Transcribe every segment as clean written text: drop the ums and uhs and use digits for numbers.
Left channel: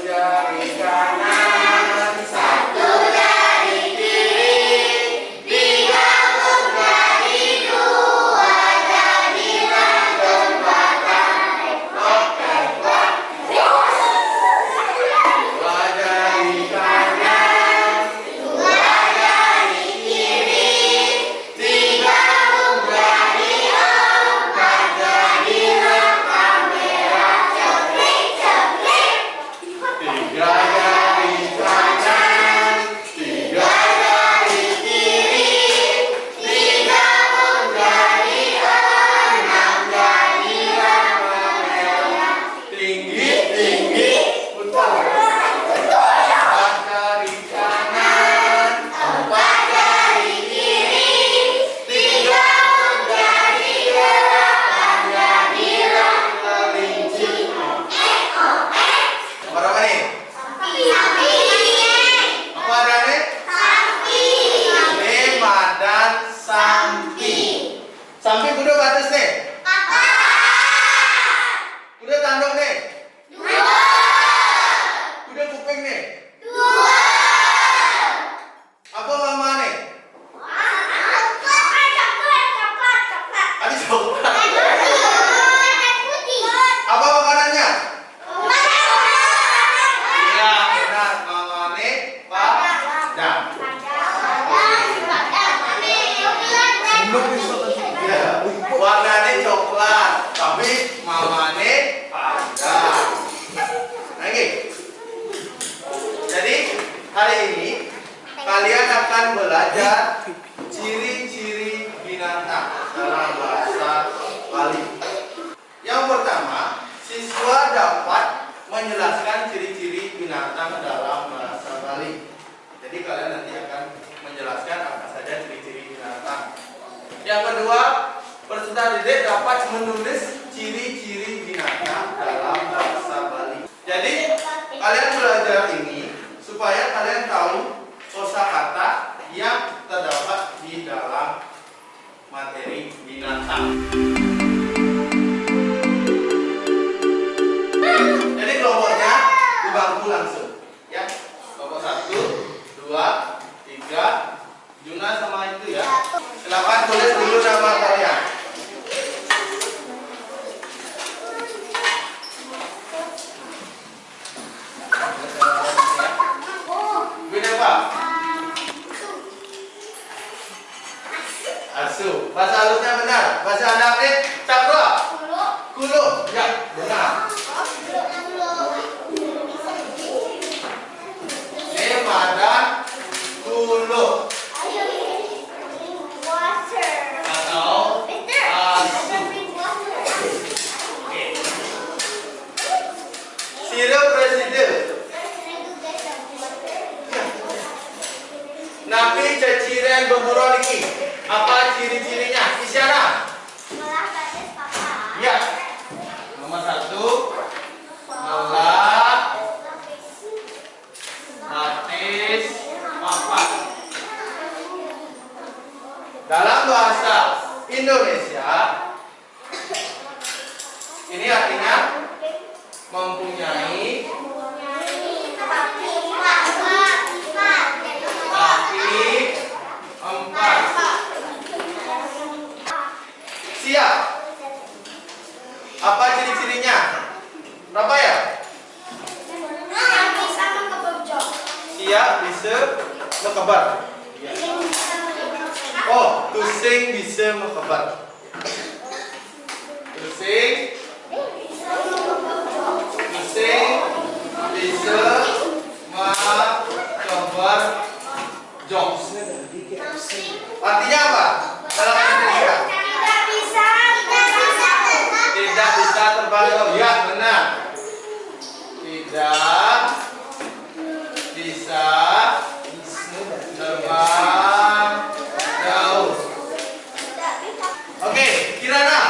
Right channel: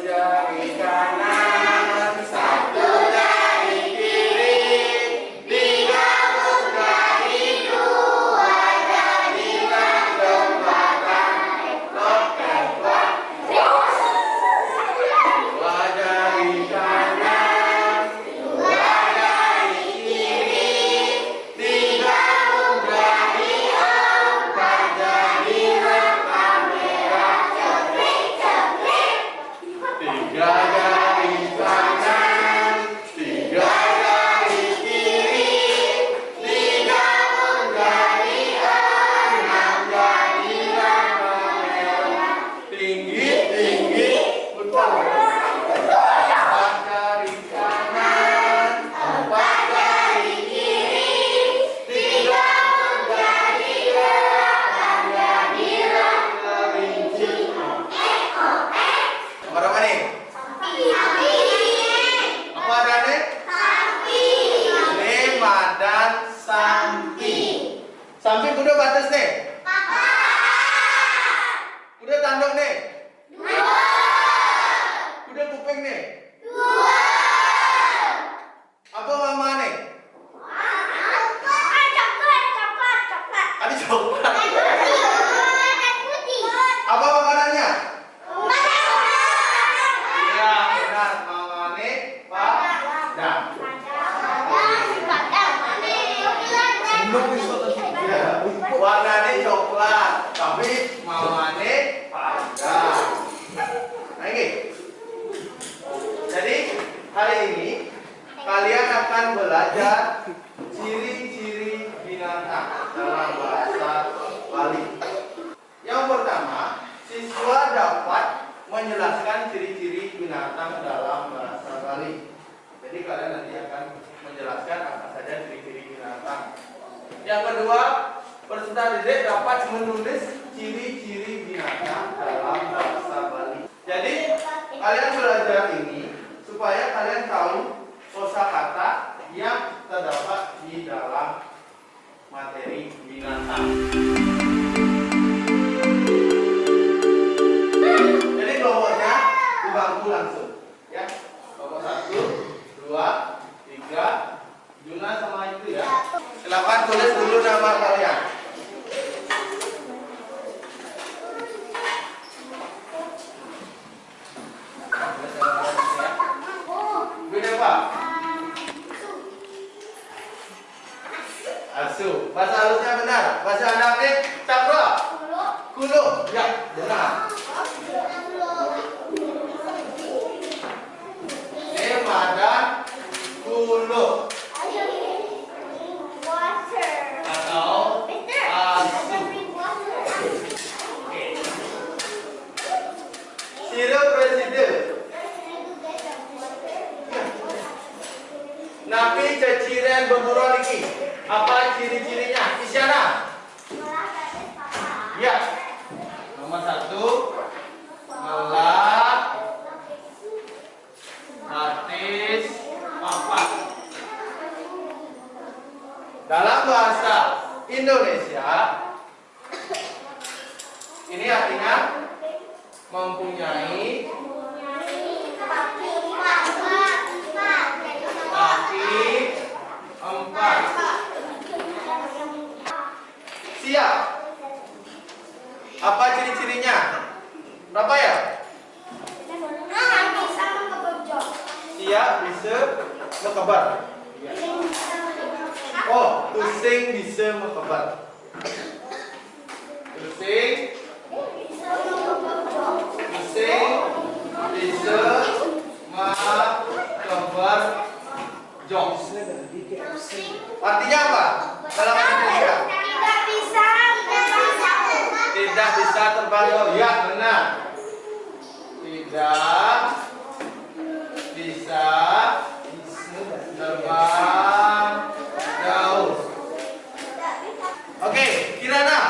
jari kanan, satu jari kiri, tiga jari, dua jari langgeng belakang, tektok. Dua jari kanan, dua jari kiri, tiga jari, empat jari rekam merah ceplik ceplik. Tiga jari kanan, tiga jari kiri, tiga jari, enam jari rekam merah tinggi tinggi putar. Empat jari kanan, empat jari kiri, tiga jari rekam jari kelinci. Berapa nih? Apa ada nih? Lima dan sampi. Sampi kuda batas nih. Kuda tanduk nih. Kuda kuping nih. Apa mama nih? Ada coklat. Apa makanannya? Iya benar, mama nih padang. Ya, warnanya coklat, tapi mamane padang. Lagi. Jadi hari ini kalian akan belajar ciri-ciri binatang dalam bahasa Bali. Yang pertama, siswa dapat menjelaskan ciri-ciri binatang dalam bahasa Bali. Jadi kalian nanti akan menjelaskan apa saja ciri-ciri binatang. Yang kedua, peserta didik dapat menulis ciri-ciri binatang dalam bahasa Bali. Jadi kalian belajar ini supaya kalian tahu kosakata yang terdapat di dalam materi binatang. Jadi kelompoknya di bangku langsung, ya. Kelompok 1, 2, 3, Juna sama itu ya. Silakan tulis dulu nama kalian. Beda apa? Asu. Bahasa halusnya benar. Bahasa Arabnya cakra. Kulu. Ya, benar. Lima dan kulu. Atau asu. Sirup presiden. Napi ceciren berburuan iki. Apa ciri-cirinya? Isyarat. Ya. Nomor 1, melak, batis, papat. Dalam bahasa Indonesia, ini artinya mempunyai kaki 4. Siap. Apa ciri-cirinya? Berapa ya? Siap bisa mekebar. Oh, tusing bisa mekebar. Tusing bisa mekebar jokes. Artinya apa? Dalam bahasa Indonesia? Tidak bisa terbang jauh. Ya, benar. Tidak bisa terbang jauh. Oke, Kirana.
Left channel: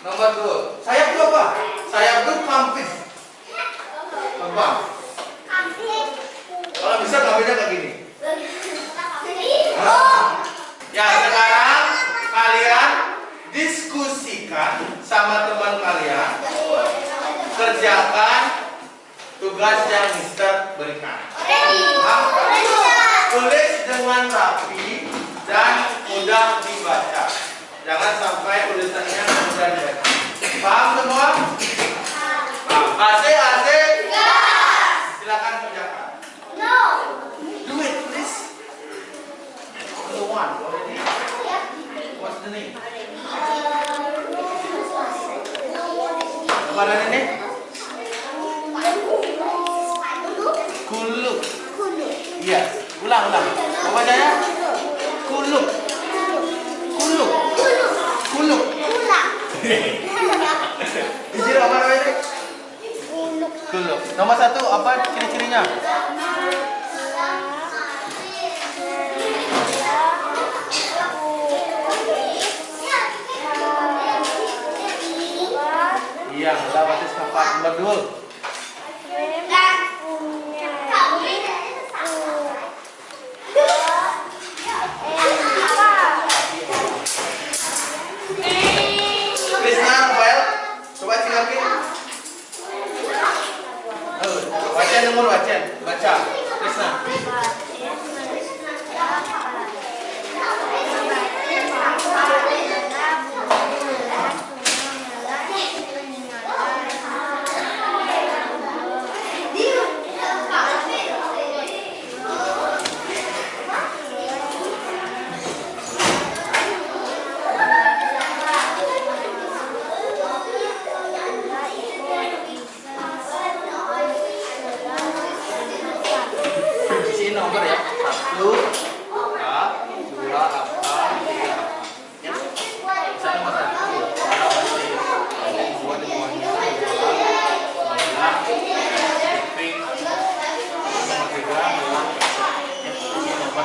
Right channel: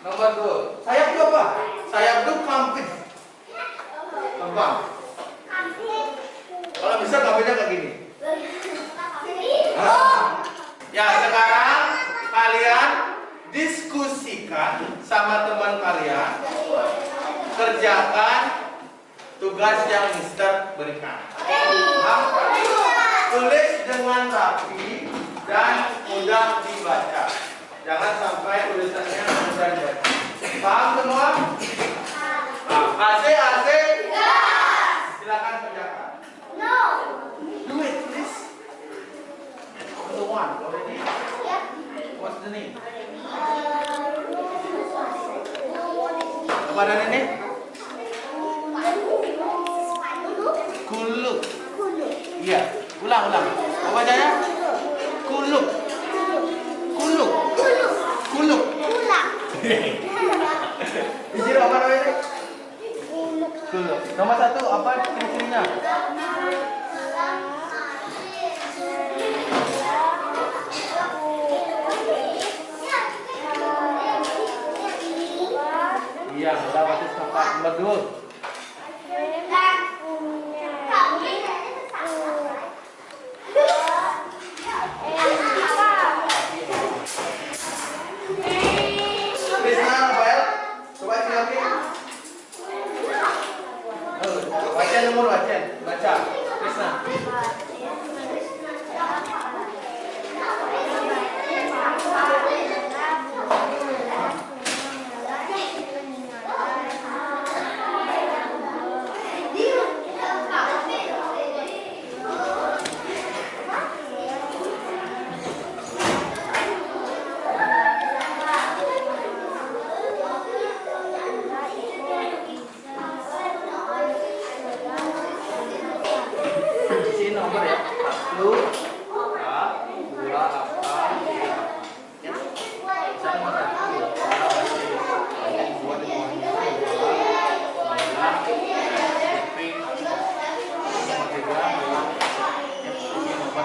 Nomor 2. Sayap itu apa? Sayap itu kamping. Terbang. Kalau bisa kampingnya kayak gini. Ya, sekarang kalian diskusikan sama teman kalian. Kerjakan tugas yang Mister berikan. Tulis dengan rapi dan mudah dibaca. Jangan sampai tulisannya mudah dibaca. Paham semua? AC. Silakan kerjakan. Do it, please. Number 1. Already? What's the name? Apa namanya ini? Kuluk. Iya. Ulang. Apa bacanya? Kuluk. Di sini apa namanya ini? Kuluk. Nomor 1 apa ciri-cirinya? Iya, udah batis papat. Nomor 2. Krisna, Rafael, coba silakin. Baca. Krisna. Nomor ya 1 A 2 apa 3 apa ya bisa nomor 1 buat semuanya pink nomor 3 ya ini nomor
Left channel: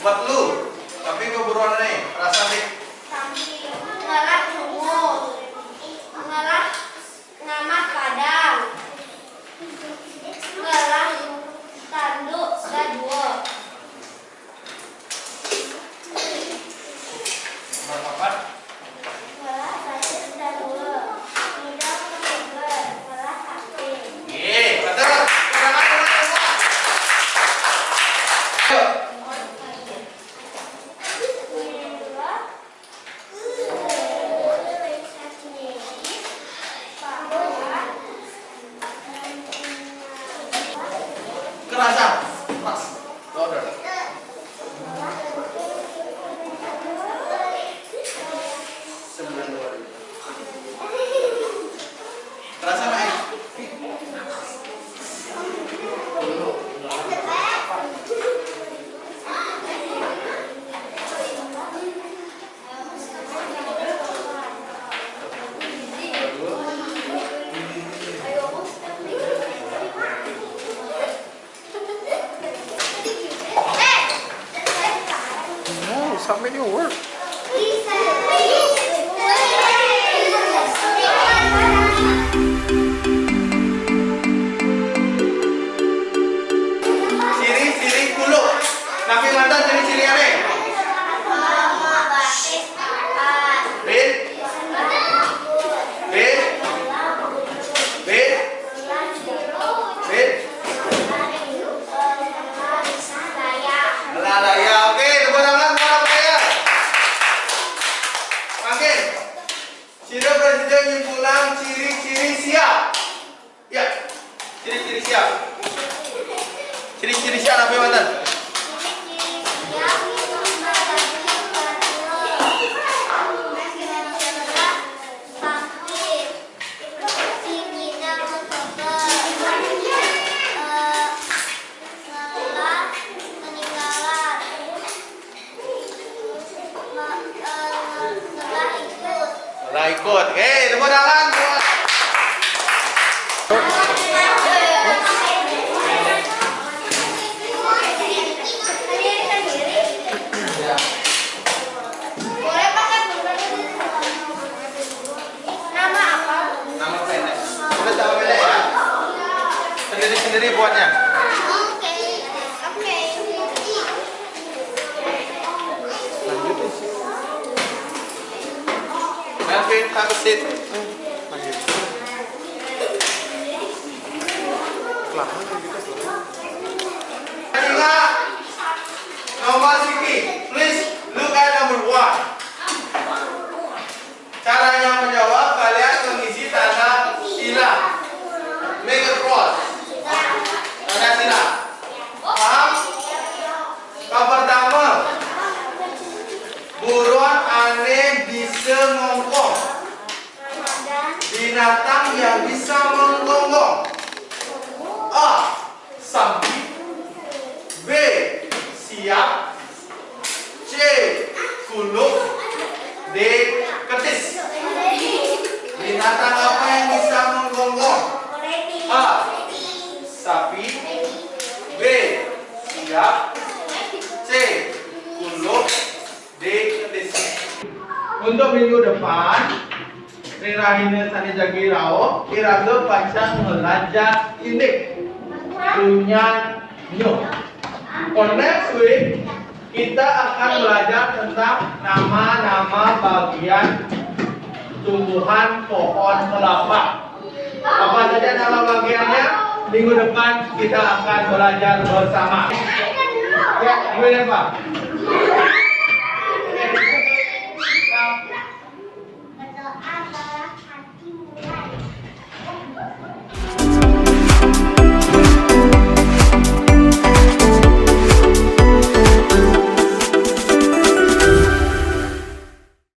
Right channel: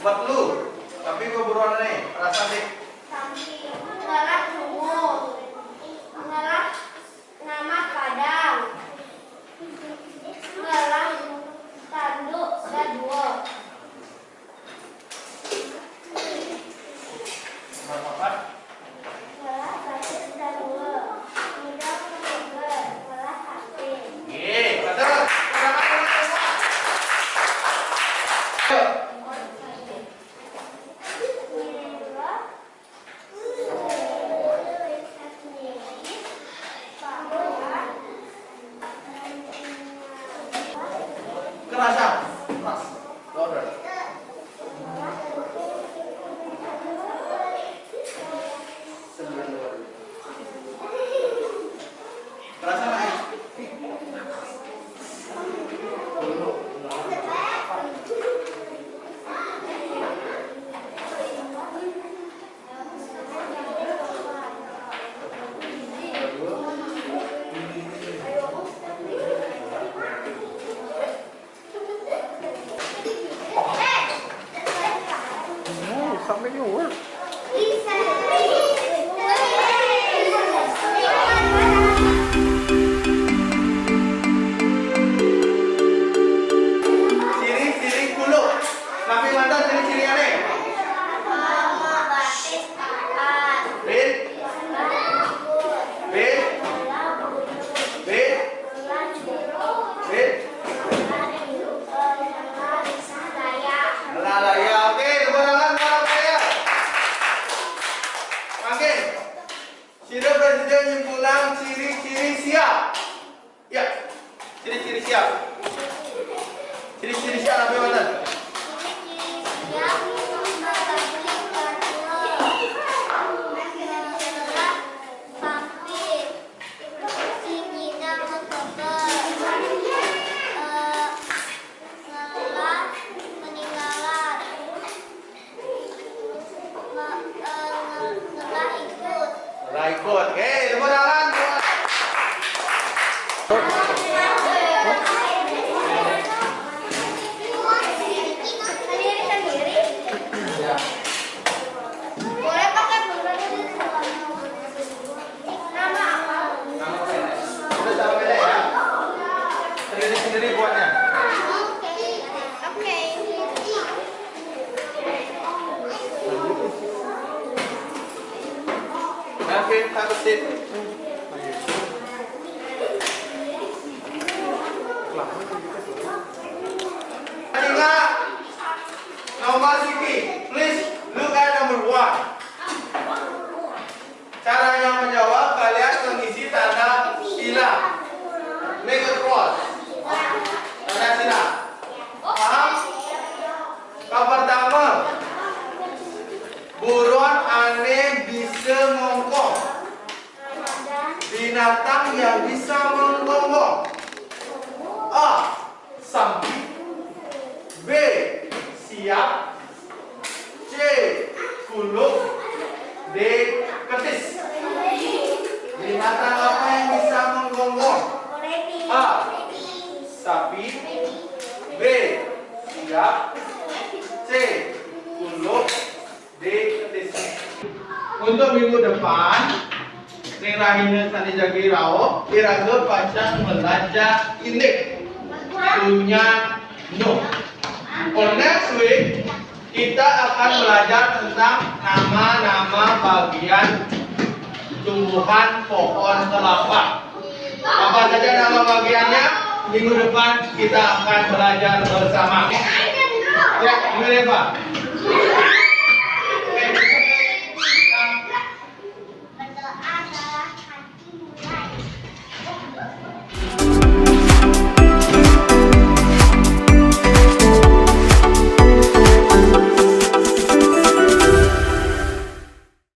buat lu, tapi gue buruan nih, rasa nih. Ngelah nunggu, ngelah ngamat padang, ngelah tanduk gadua. Nomor 4. Ngelah basis gadua, ngidam kebeber, ngelah hati. Betul. sendiri buatnya. Oke. Oke. Melvin, have a seat. Ingat, nomor Siki, please look at number 1. Caranya menjawab, kalian mengisi tanda sila. Make a cross. Tanda sila. Paham? Yang pertama, buruan aneh bisa ngongkong. Binatang yang bisa menggonggong. A. Sapi. B. Siap. C. Kuluk. D. Ketis. Binatang apa yang bisa menggonggong? A. Sapi. B. Siap. C. Kuluk. D. Ketis. Untuk minggu depan, Rirahina Sani Jagi Rao, Iraga Pacang Melajar Indik. Dulunya no. On next week, kita akan belajar tentang nama-nama bagian tumbuhan pohon kelapa. Apa saja nama bagiannya? Minggu depan kita akan belajar bersama. Ya, mulai Pak.